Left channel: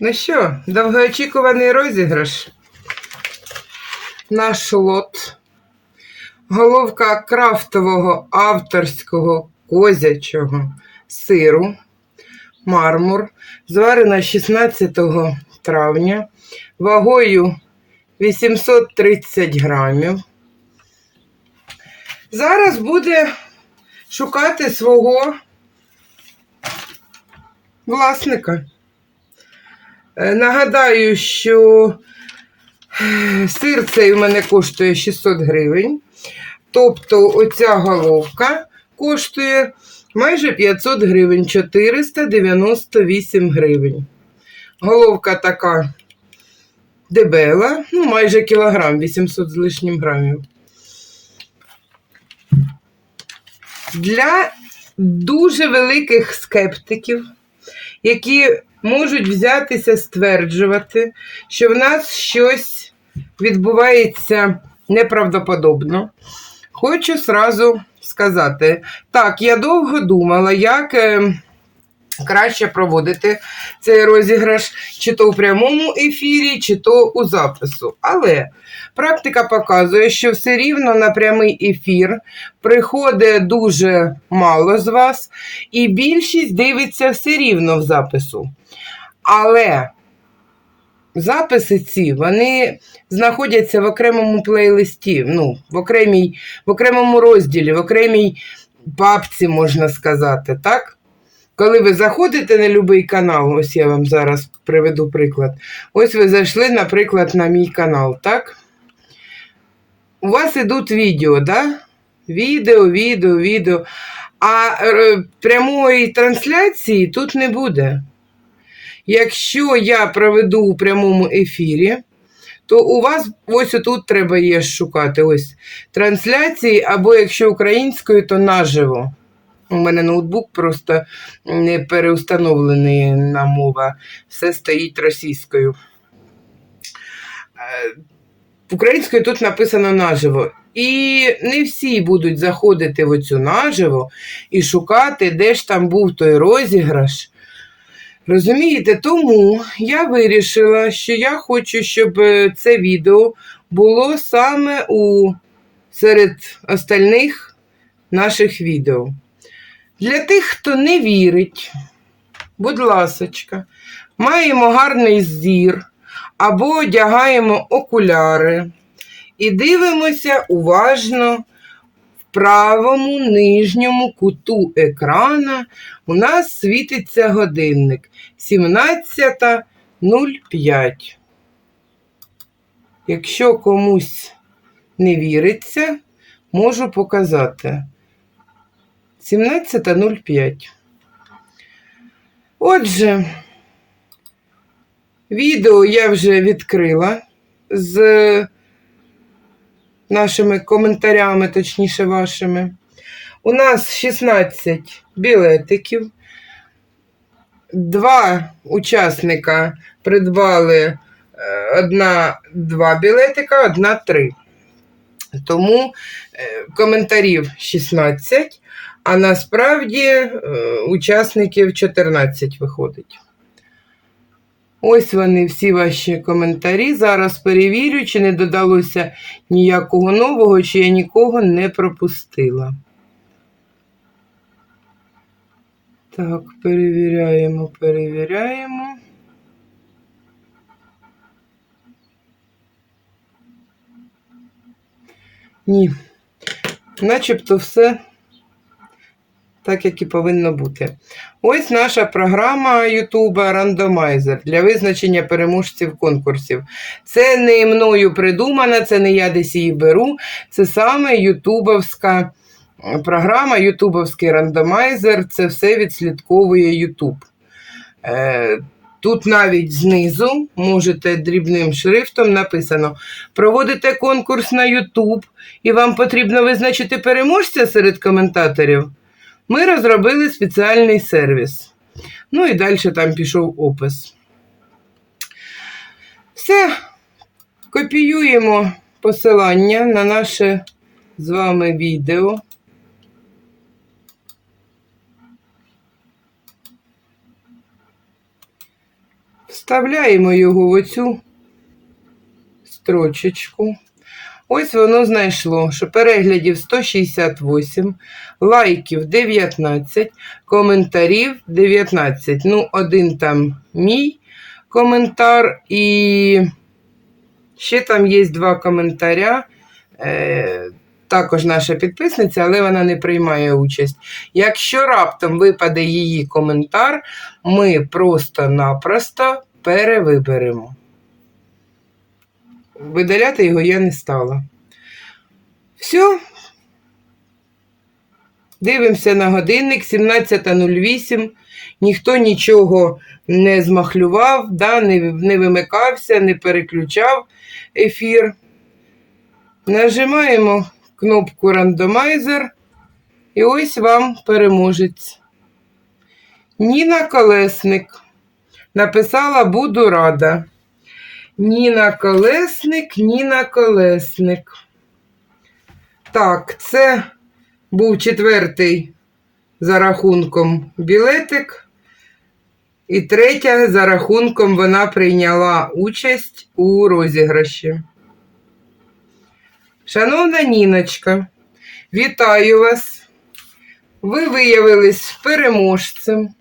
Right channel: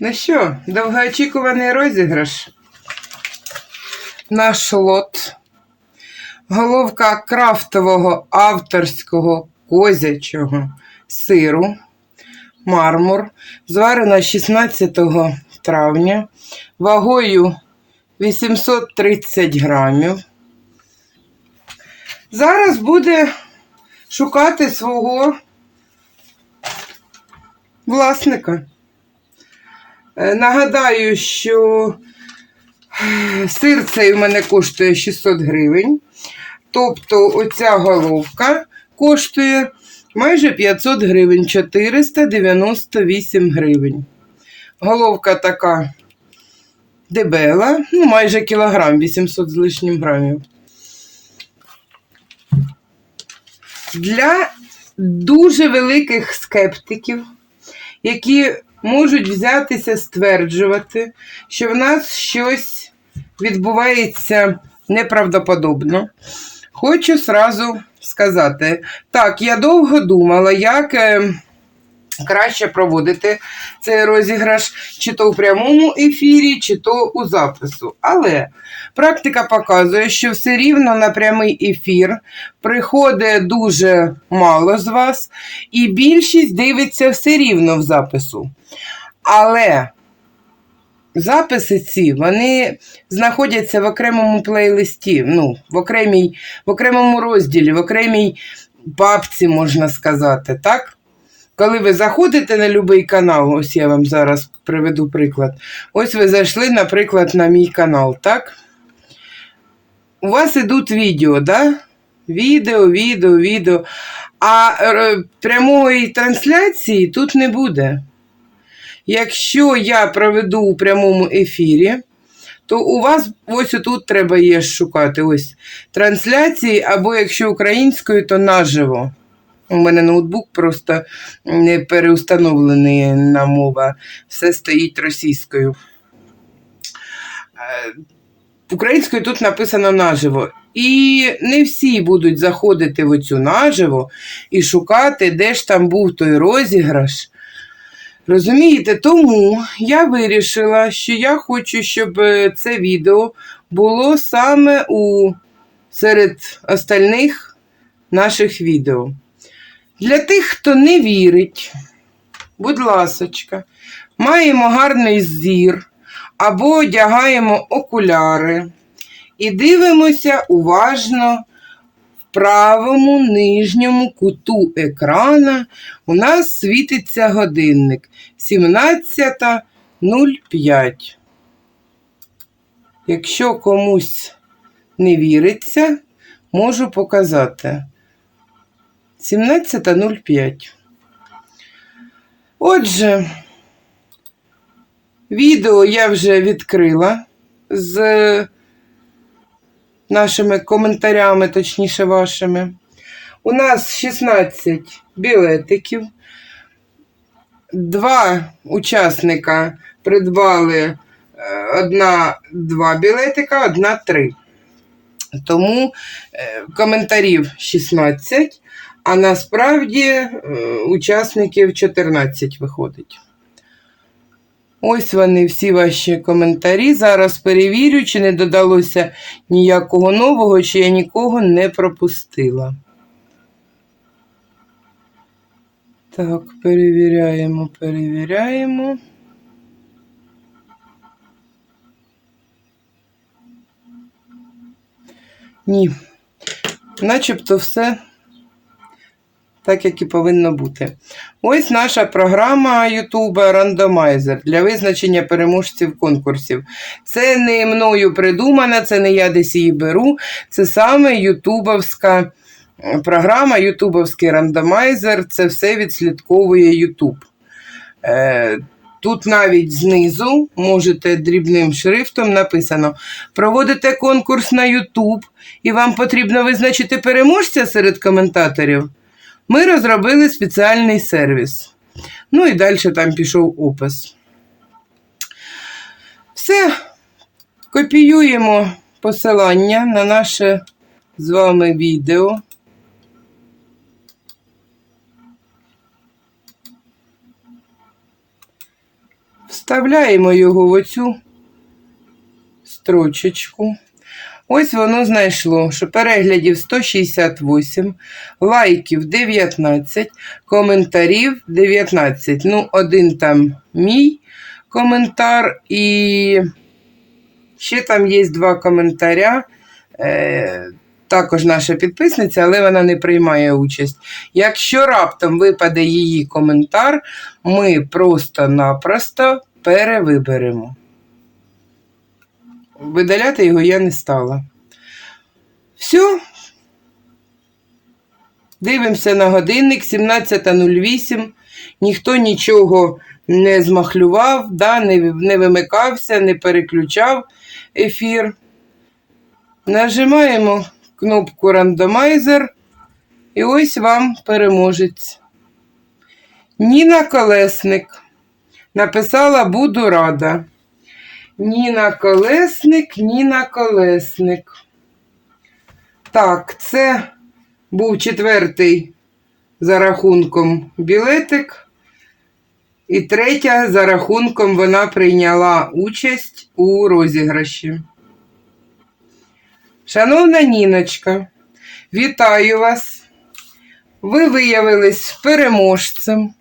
Ну що, довгоочікуваний розіграш. Наш лот. Головка крафтового авторського козячого сиру. Мармур. Зварена 16 травня. Вагою 830 грамів. Зараз буде шукати свого власника. Е, Нагадаю, що е, сир цей у мене коштує 600 гривень. Тобто оця головка коштує майже 500 гривень, 498 гривень. Головка така дебела, ну майже кілограм, 800 з лишнім грамів. Для дуже великих скептиків, які можуть взятися стверджувати, що в нас щось відбувається неправдоподобно. Хочу сразу сказати, так, я довго думала, як е, краще проводити цей розіграш, чи то у прямому ефірі, чи то у запису. Але практика показує, що все рівно на прямий ефір приходить дуже мало з вас, і більшість дивиться все рівно в запису. Але записи ці вони знаходяться в окремому плейлисті, ну, в, окремій, в окремому розділі, в окремій папці, можна сказати, так? Коли ви заходите на будь-який канал, ось я вам зараз приведу приклад. Ось ви зайшли, наприклад, на мій канал, так? У вас ідуть відео, да? Відео, відео, відео. А е, прямої трансляції тут не буде. Якщо я проведу у прямому ефірі, то у вас ось тут треба є шукати ось трансляції, або якщо українською, то наживо. У мене ноутбук просто не переустановлений на мова, все стоїть російською. Е, Українською тут написано наживо. І не всі будуть заходити в оцю наживо і шукати, де ж там був той розіграш. Розумієте, тому я вирішила, що я хочу, щоб е, це відео було саме у серед остальних наших відео. Для тих, хто не вірить, будь ласочка, маємо гарний зір або одягаємо окуляри і дивимося уважно правому нижньому куту екрана у нас світиться годинник 17.05. Якщо комусь не віриться, можу показати. 17.05. Отже, відео я вже відкрила з нашими коментарями, точніше вашими. У нас 16 білетиків. Два учасника придбали е, одна два білетика, одна три. Тому е, коментарів 16, а насправді е, учасників 14 виходить. Ось вони всі ваші коментарі. Зараз перевірю, чи не додалося ніякого нового, чи я нікого не пропустила. Так, перевіряємо, перевіряємо. Ні, начебто все так, як і повинно бути. Ось наша програма YouTube Рандомайзер для визначення переможців конкурсів. Це не мною придумана, це не я десь її беру. Це саме ютубовська програма, ютубовський рандомайзер. Це все відслідковує YouTube. Е, Тут навіть знизу можете дрібним шрифтом написано: проводите конкурс на YouTube, і вам потрібно визначити переможця серед коментаторів. Ми розробили спеціальний сервіс. Ну і далі там пішов опис. Все, копіюємо посилання на наше з вами відео. Вставляємо його в оцю строчечку. Ось воно знайшло, що переглядів 168, лайків 19, коментарів 19. Ну, один там мій коментар, і ще там є два коментаря. Е, також наша підписниця, але вона не приймає участь. Якщо раптом випаде її коментар, ми просто-напросто перевиберемо. Видаляти його я не стала. Все. Дивимося на годинник 17.08. Ніхто нічого не змахлював, да, не, не вимикався, не переключав ефір. Нажимаємо кнопку рандомайзер. І ось вам переможець. Ніна Колесник написала Буду рада. Ніна Колесник, Ніна Колесник. Так, це був четвертий за рахунком білетик. І третя за рахунком вона прийняла участь у розіграші. Шановна Ніночка, вітаю вас! Ви виявились переможцем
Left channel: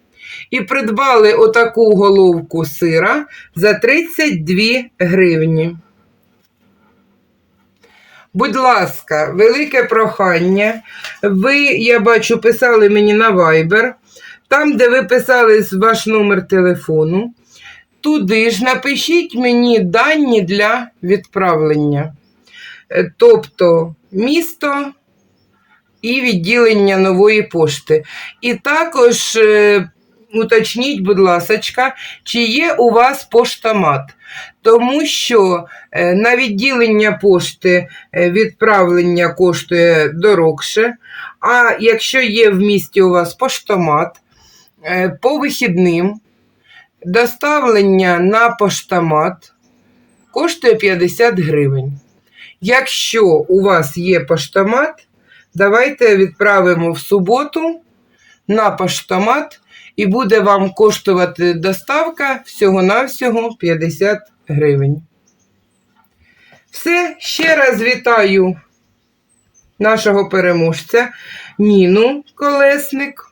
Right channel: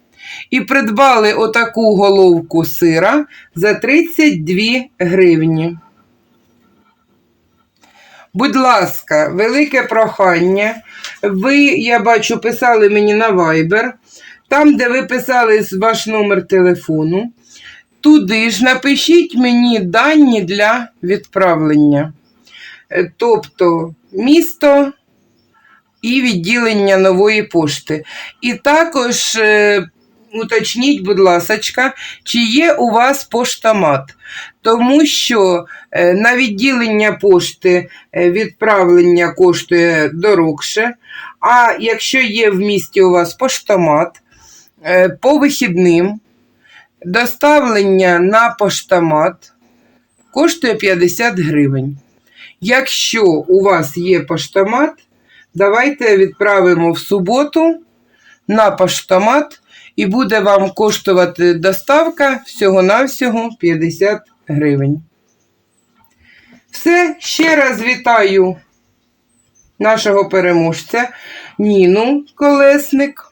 і придбали отаку головку сира за 32 гривні. Будь ласка, велике прохання. Ви, я бачу, писали мені на Viber, там, де ви писали ваш номер телефону. Туди ж напишіть мені дані для відправлення. Е, Тобто місто і відділення нової пошти. І також е, уточніть, будь ласка, чи є у вас поштомат. Тому що е, на відділення пошти е, відправлення коштує дорогше. А якщо є в місті у вас поштомат, е, по вихідним доставлення на поштомат коштує 50 гривень. Якщо у вас є поштомат, давайте відправимо в суботу на поштомат і буде вам коштувати доставка всього-навсього 50 гривень. Все, ще раз вітаю нашого переможця Ніну Колесник.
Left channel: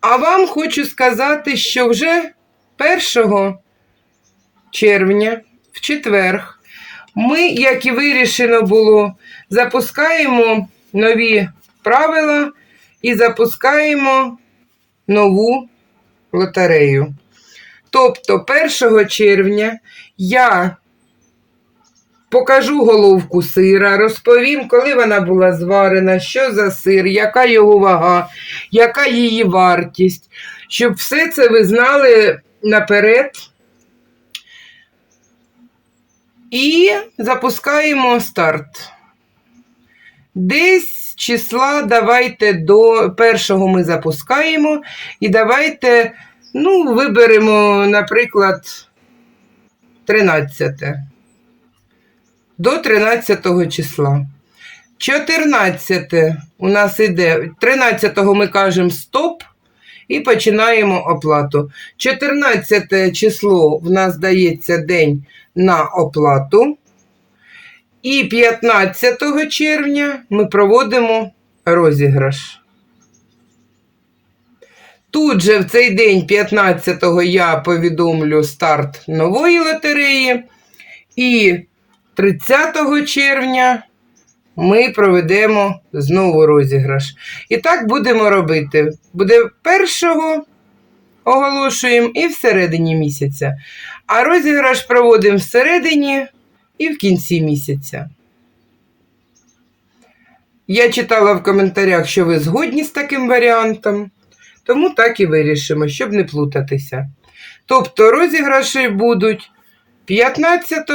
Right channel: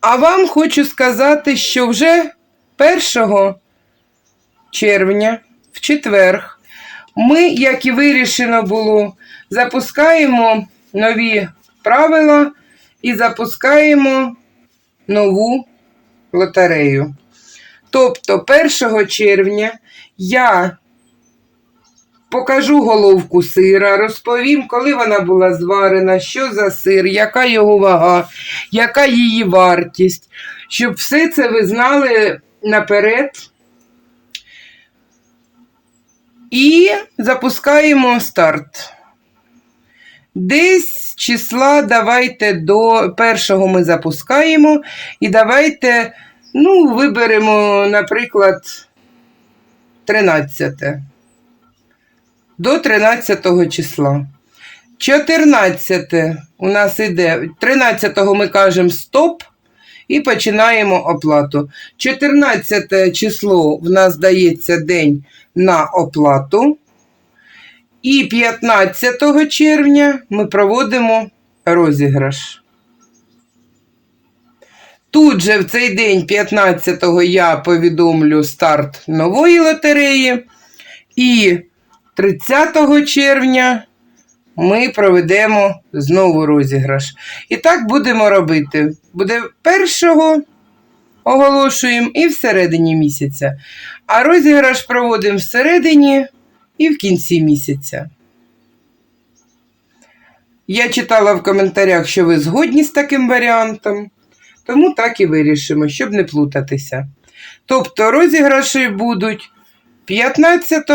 А вам хочу сказати, що вже 1 червня, в четверг, ми, як і вирішено було, запускаємо нові правила і запускаємо нову лотерею. Тобто 1 червня я покажу головку сира, розповім, коли вона була зварена, що за сир, яка його вага, яка її вартість, щоб все це ви знали наперед. І запускаємо старт. Десь числа давайте до першого ми запускаємо. І давайте, ну, виберемо, наприклад, 13. До 13 числа. 14 у нас іде, 13 ми кажемо стоп і починаємо оплату. 14 число в нас дається день на оплату. І 15 червня ми проводимо розіграш. Тут же в цей день, 15-го, я повідомлю старт нової лотереї. І 30 червня ми проведемо знову розіграш. І так будемо робити. Буде першого оголошуємо і всередині місяця. А розіграш проводимо всередині і в кінці місяця. Я читала в коментарях, що ви згодні з таким варіантом, тому так і вирішимо, щоб не плутатися. Тобто розіграші будуть 15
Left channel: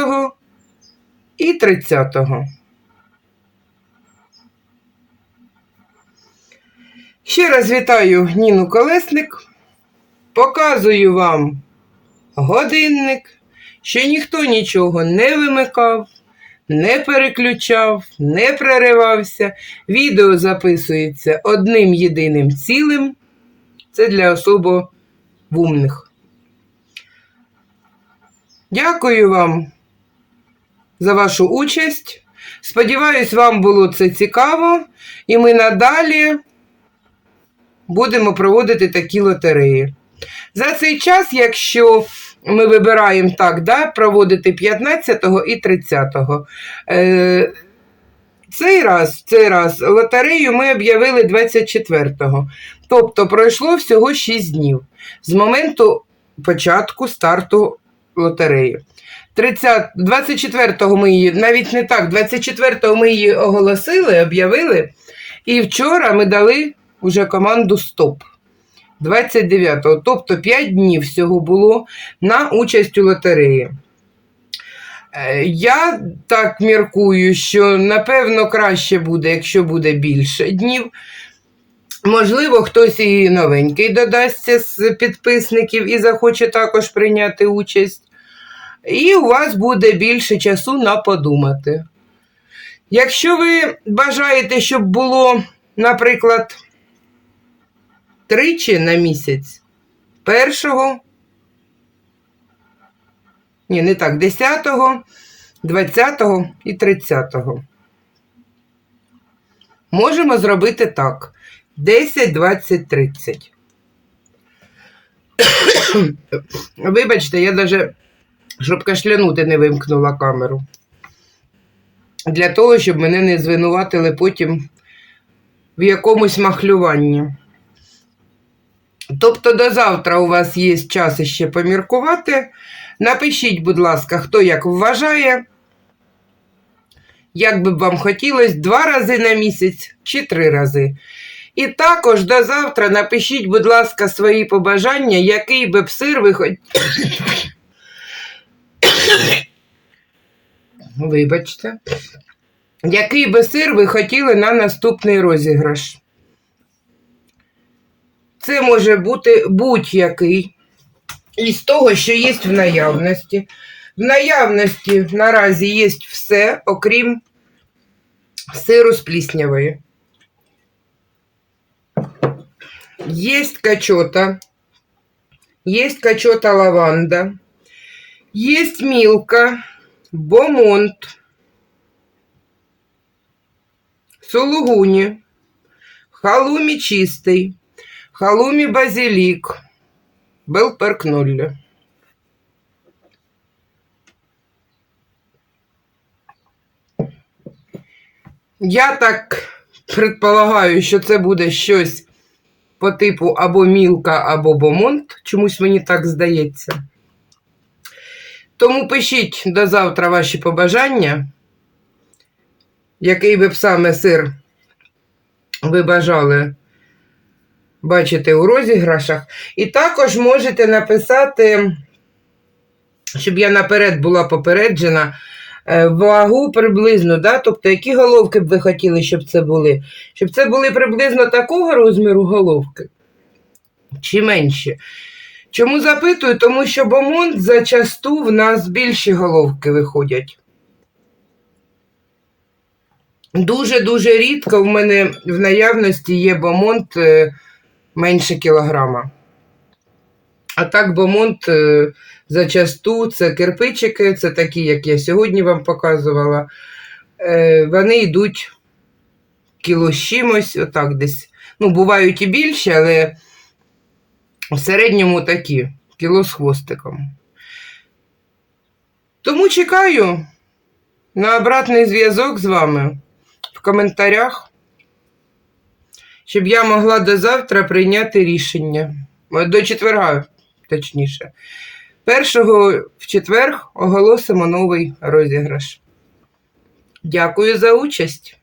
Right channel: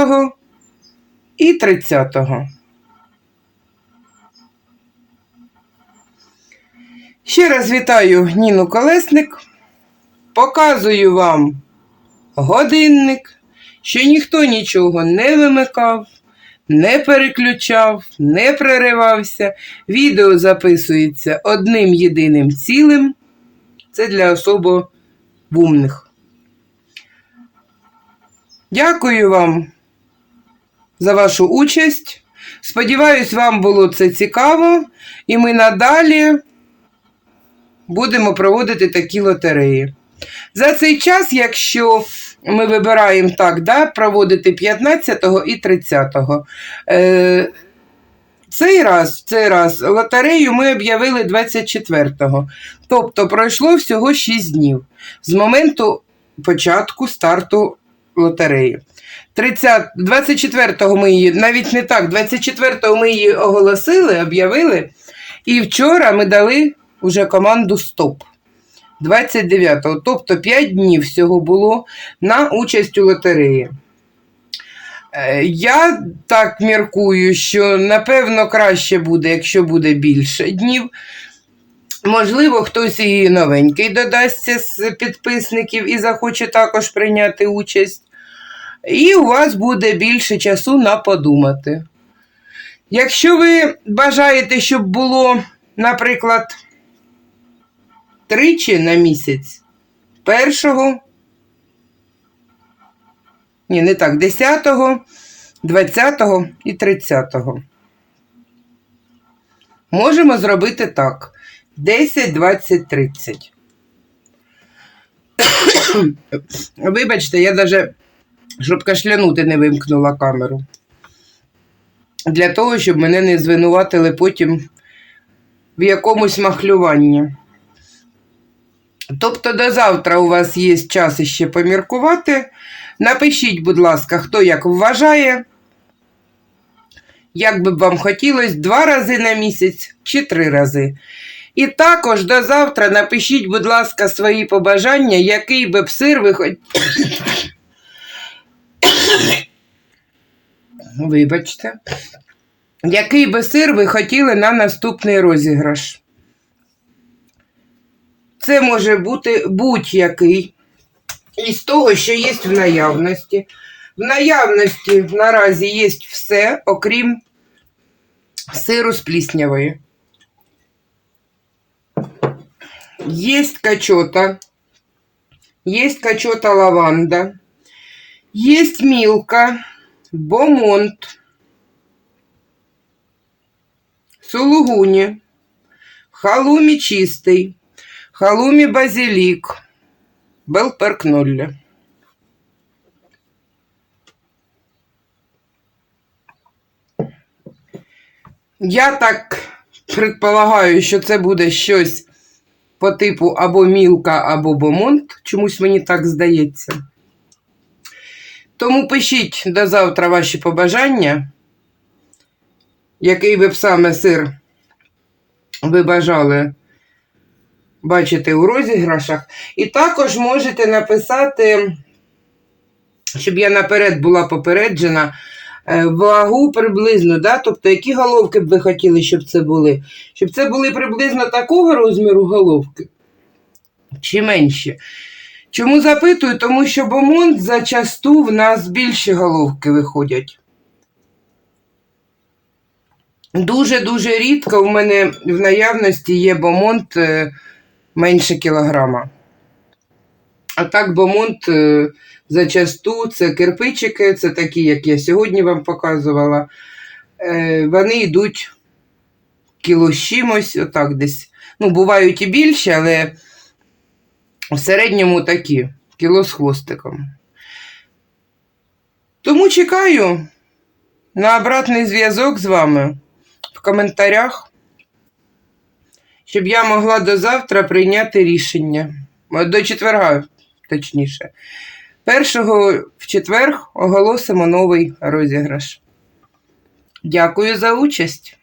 і 30. Ще раз вітаю Ніну Колесник. Показую вам годинник, що ніхто нічого не вимикав, не переключав, не переривався. Відео записується одним єдиним цілим. Це для особо вумних. Дякую вам за вашу участь. Сподіваюсь, вам було це цікаво, і ми надалі будемо проводити такі лотереї. За цей час, якщо ми вибираємо так, да, проводити 15 і 30. Е, цей раз, цей раз лотерею ми об'явили 24-го. Тобто пройшло всього 6 днів з моменту початку старту лотереї. 30, 24-го ми її, навіть не так, 24-го ми її оголосили, об'явили. І вчора ми дали вже команду Стоп. 29-го. Тобто 5 днів всього було на участь у лотереї. Е, Я так міркую, що напевно краще буде, якщо буде більше днів. Можливо, хтось і новенький додасться з підписників і захоче також прийняти участь. І у вас буде більше часу на подумати. Якщо ви бажаєте, щоб було, наприклад, тричі на місяць, першого, ні, не так, 10, 20 і 30. Можемо зробити так. 10, 20, 30. Вибачте, я навіть, щоб кашлянути, не вимкнула камеру. Для того, щоб мене не звинуватили потім в якомусь махлюванні. Тобто до завтра у вас є час іще поміркувати. Напишіть, будь ласка, хто як вважає, як би вам хотілося, два рази на місяць чи три рази. І також до завтра напишіть, будь ласка, свої побажання, який би б сир ви хоч... Вибачте. Який би сир ви хотіли на наступний розіграш? Це може бути будь-який із того, що є в наявності. В наявності наразі є все, окрім сиру з пліснявої. Есть качота, есть качота лаванда, есть милка, бомонт, сулугуні, халумі чистий, халумі базилік, белперкнолля. Я так предполагаю, що це буде щось по типу або мілка, або бомонт. Чомусь мені так здається. Тому пишіть до завтра ваші побажання, який ви б саме сир ви бажали бачити у розіграшах. І також можете написати, щоб я наперед була попереджена, е, вагу приблизно, да? тобто які головки б ви хотіли, щоб це були? Щоб це були приблизно такого розміру головки чи менші. Чому запитую? Тому що бомонт зачасту в нас більші головки виходять. Дуже-дуже рідко в мене в наявності є бомонт е, менше кілограма. А так бомонт е, зачасту це кирпичики, це такі, як я сьогодні вам показувала. Е, Вони йдуть кіло з чимось, отак десь. Ну, бувають і більші, але в середньому такі, кіло з хвостиком. Тому чекаю на обратний зв'язок з вами в коментарях, щоб я могла до завтра прийняти рішення. До четверга, точніше. Першого в четвер оголосимо новий розіграш. Дякую за участь!